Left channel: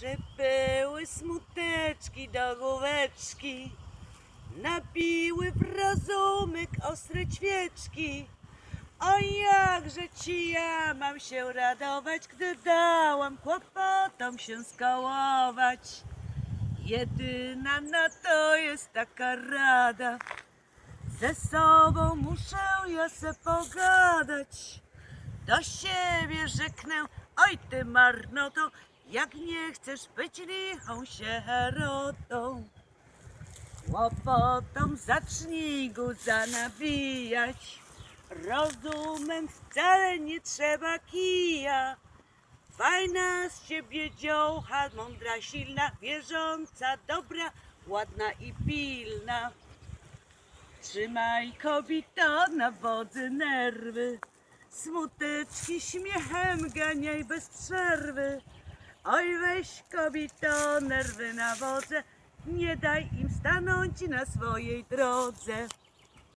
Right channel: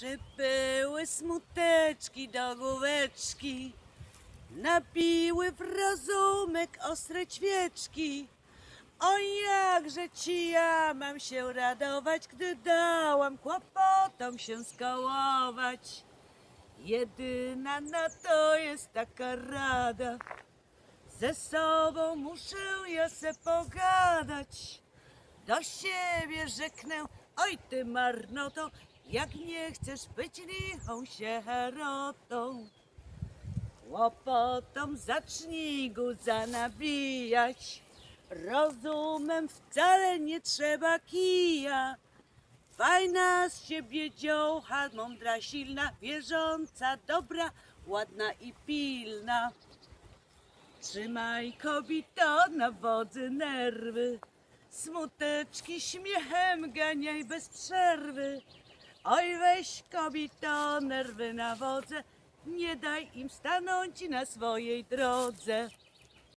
Przybyły smuteczki do główeczki, napiły w rozumek ostre ćwieczki. O jakże ci ja mam się radować, gdy dałam kłopotom się skołować. Jedyna na to jest taka rada, ze sobą muszę ja se pogadać. Do siebie rzeknę, oj ty marnoto, jak nie chcesz być lichą sierotą. Łopotom zacznij guza nabijać, rozumem wcale nie trzeba kija. Fajna z ciebie dziołcha, mądra, silna, wierząca, dobra, ładna i pilna. Trzymaj kobito na wodzy nerwy, smuteczki śmiechem ganiaj bez przerwy. Oj weź kobito nerwy na wodze, nie daj im stanąć na swojej drodze.